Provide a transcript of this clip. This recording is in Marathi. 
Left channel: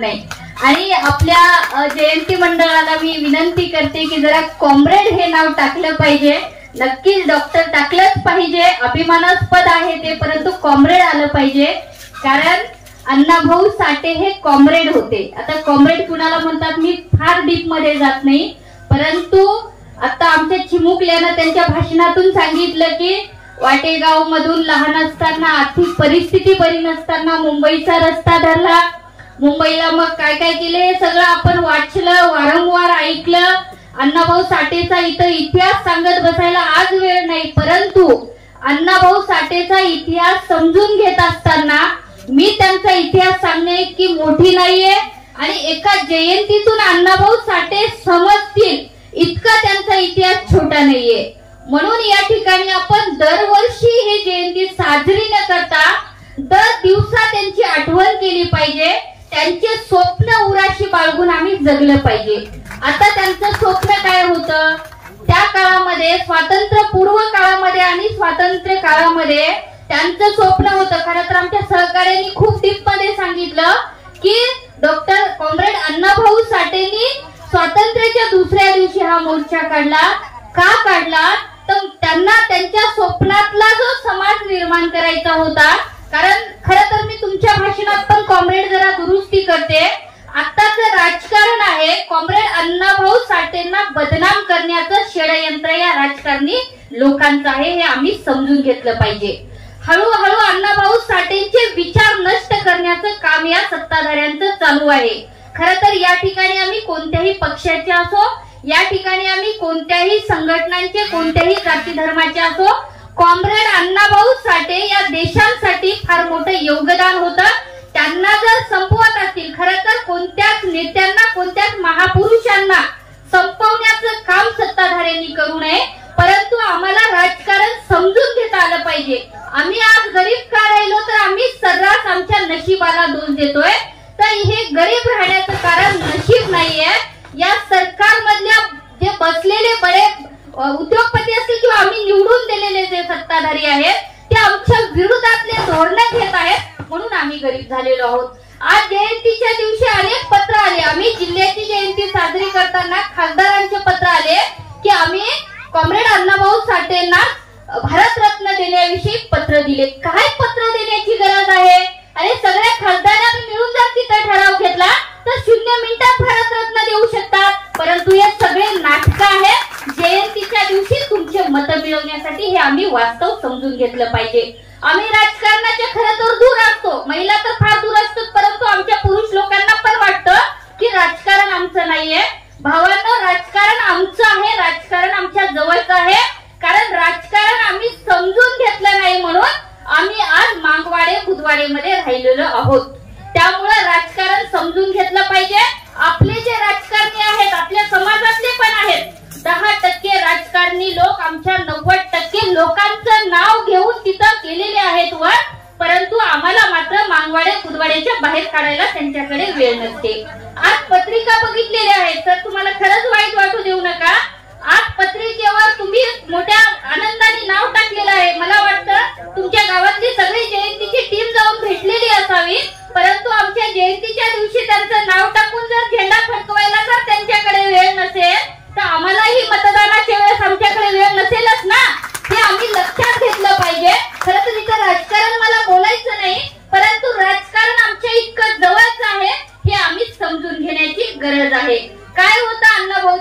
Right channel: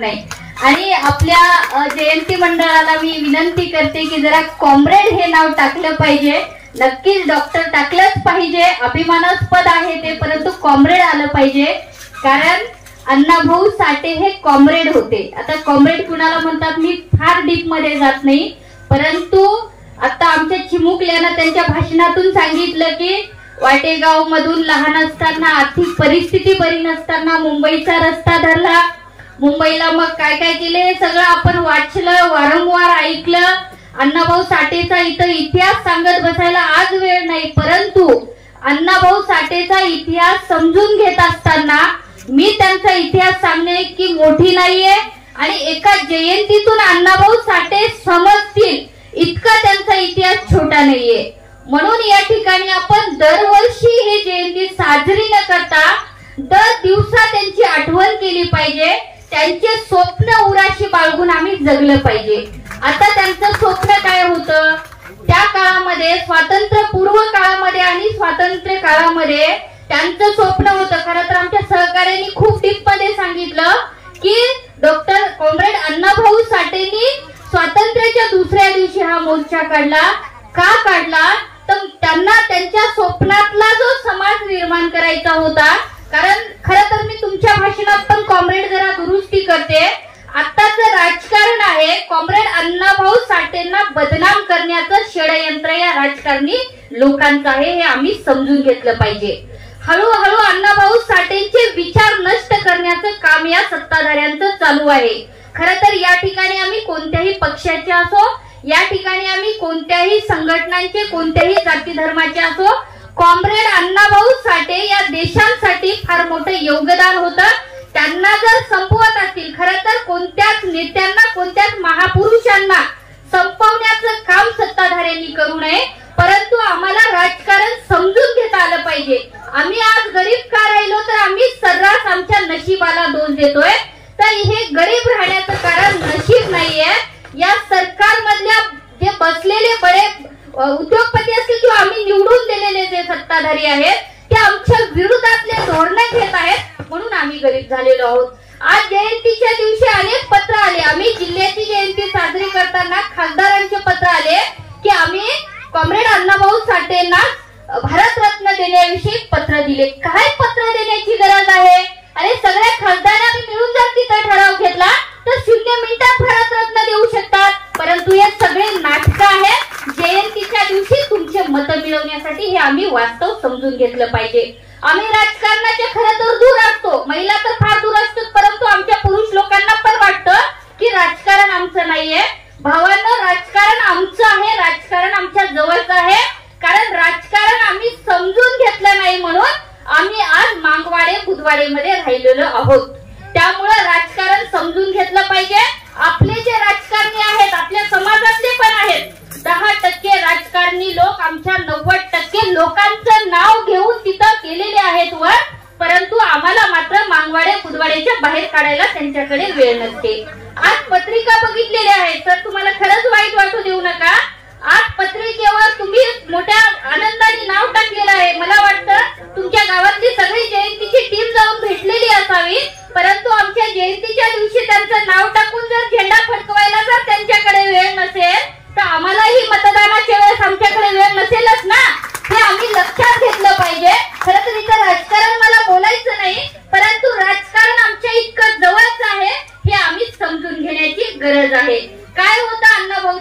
नाही। आणि आपल्या जयंती मंडळाला मी विनंती करते की जरा कॉम्रेड हे नाव टाकलं पाहिजे। नक्कीच डॉक्टर टाकलंच पाहिजे, अभिमानास्पद आहे ते, परंतु कॉम्रेड आलं पाहिजे, कारण अण्णाभाऊ साठे हे कॉम्रेड होते। आता कॉम्रेड कुणाला म्हणतात मी फार डीप मध्ये जात नाही, परंतु आता आमच्या चिमुकल्यानं त्यांच्या भाषणातून सांगितलं की वाटेगाव मधून लहान असताना आर्थिक परिस्थिती बरी नसताना मुंबईचा रस्ता धरला, मुंबईला मग काय काय केले हे सगळं आपण वाचलं, वारंवार ऐकलं। अण्णाभाऊ साठेचा इथं इतिहास सांगत बसायला आज वेळ नाही, परंतु अण्णाभाऊ साठेचा इतिहास समजून घेत असताना मी त्यांचा इतिहास सांगणे की मोठी नाहीये आणि एका जयंतीतून अण्णाभाऊ साठे समजतील इतका त्यांचा इतिहास छोटा नाहीये। म्हणून या ठिकाणी आपण दरवर्षी ही जयंती साजरी न करता दर दिवसा त्यांची आठवण केली पाहिजे, त्यांचे स्वप्न उराशी बाळगून आम्ही जगलं पाहिजे। आता त्यांचं स्वप्न काय होतं त्या काळामध्ये, स्वातंत्र्यपूर्व काळामध्ये आणि स्वातंत्र्य काळामध्ये त्यांचं स्वप्न होतं। खरं तर आमच्या सहकार्यांनी खूप डीप मध्ये सांगितलं की डॉक्टर कॉम्रेड अण्णाभाऊ साठेंनी स्वातंत्र्याच्या दुसऱ्या दिवशी हा मोर्चा काढला। का काढला तर त्यांना त्यांच्या स्वप्नातला जो समाज निर्माण करायचा होता। कारण खरं तर मी तुमच्या भाषणात पण कॉम्रेड जरा दुरुस्ती करते, आत्ताचं राजकारण आहे कॉम्रेड अण्णाभाऊ साठेंना बदनाम करण्याचं षडयंत्र या राजकारणी लोकांचं आहे, हे आम्ही समजून घेतलं पाहिजे। हळूहळू अण्णाभाऊ साठेंचे विचार नष्ट करण्याचं काम या सत्ताधाऱ्यांचं चालू आहे। खरं तर या ठिकाणी आम्ही कोणत्याही पक्षाचे असो, या ठिकाणी आम्ही कोणत्याही संघटनांचे, कोणत्याही जाती धर्माचे असो, कॉम्रेड अण्णाभाऊ साठे या देशांसाठी फार मोठं योगदान होतं। त्यांना जर संपवत असतील, खरं तर कोणत्याच नेत्यांना, कोणत्याच महापुरुषांना संपवण्याचं काम सत्ताधाऱ्यांनी करू नये, परंतु आम्हाला राजकारण समजून घेता आलं पाहिजे। आम्ही आज गरीब का राहिलो तर आम्ही सर्रास आमच्या नशिबाला दोष देतोय, तर हे गरीब राहण्याचं कारण नशीब नाहीये। या सरकारमधल्या जे बसलेले बडे उद्योगपती असतील किंवा आम्ही निवडून दिलेले जे सत्ताधारी आहेत ते आमच्या विरोधातले धोरणं घेत आहेत, म्हणून आम्ही गरीब झालेलो आहोत। आज जयंतीच्या दिवशी अनेक पत्र आले, आम्ही जिल्ह्याची जयंती साजरी करताना खासदारांचे पत्र आले की आम्ही कॉम्रेड अण्णाभाऊ साठेंना भारतरत्न देण्याविषयी पत्र दिले। काय पत्र देण्याची गरज आहे? आणि सगळ्या खासदारांनी मिळून जर तिथे ठराव घेतला तर 0 मिनिटात भारतरत्न देऊ शकतात, परंतु हे सगळे नाटक आहे। जयंतीच्या दिवशी तुमचे मत मिळवण्यासाठी हे आम्ही वास्तव समजून घेतलं पाहिजे। आम्ही राजकारणाच्या खरं तर दूर असतो, महिला तर फार दूर असतात, परंतु आमच्या पुरुष लोकांना पण वाटतं की राजकारण आमचं नाहीये। भावांनो, राजकारण आमचं आहे, राजकारण आमच्या जवळचं आहे, कारण राजकारण आम्ही समजून घेतलं नाही म्हणून आम्ही आज मागवाडे बुधवाडेमध्ये राहिलेलो आहोत। त्यामुळे राजकारण समजून घेतलं पाहिजे। आपले जे राजकारणी आहेत, आपल्या समाजातले पण आहेत, 10% राजकारणी लोक आमच्या 90% लोकांचं नाव घेऊन तिथं केलेले आहेत वर, परंतु आम्हाला मात्र मागवाडे बुधवाडेच्या बाहेर काढायला त्यांच्याकडे वेळ नसते। आज पत्रिका बघितलेल्या आहेत, तर तुम्हाला खरंच वाईट वाटू देऊ नका। आज पत्रिकेवर तुम्ही मोठ्या आनंदाने नाव टाकलेलं आहे। मला वाटतं तुमच्या गावातली सगळी जयंतीची टीम जाऊन भेटलेली असावी, परंतु आमच्या जयंतीच्या दिवशी त्यांचं नाव टाकून जर झेंडा फडकवायला जर त्यांच्याकडे वेळ नसेल तर आम्हालाही मतदानाच्या वेळेस आमच्याकडे वेळ नसेलच ना, हे आम्ही लक्षात घेतलं पाहिजे। खरं तर इथं राजकारण मला बोलायचं नाही, परंतु राजकारण आमच्या इतकं जवळच आहे हे आम्ही समजून घेण्याची गरज आहे। काय होतं अण्णाभाऊ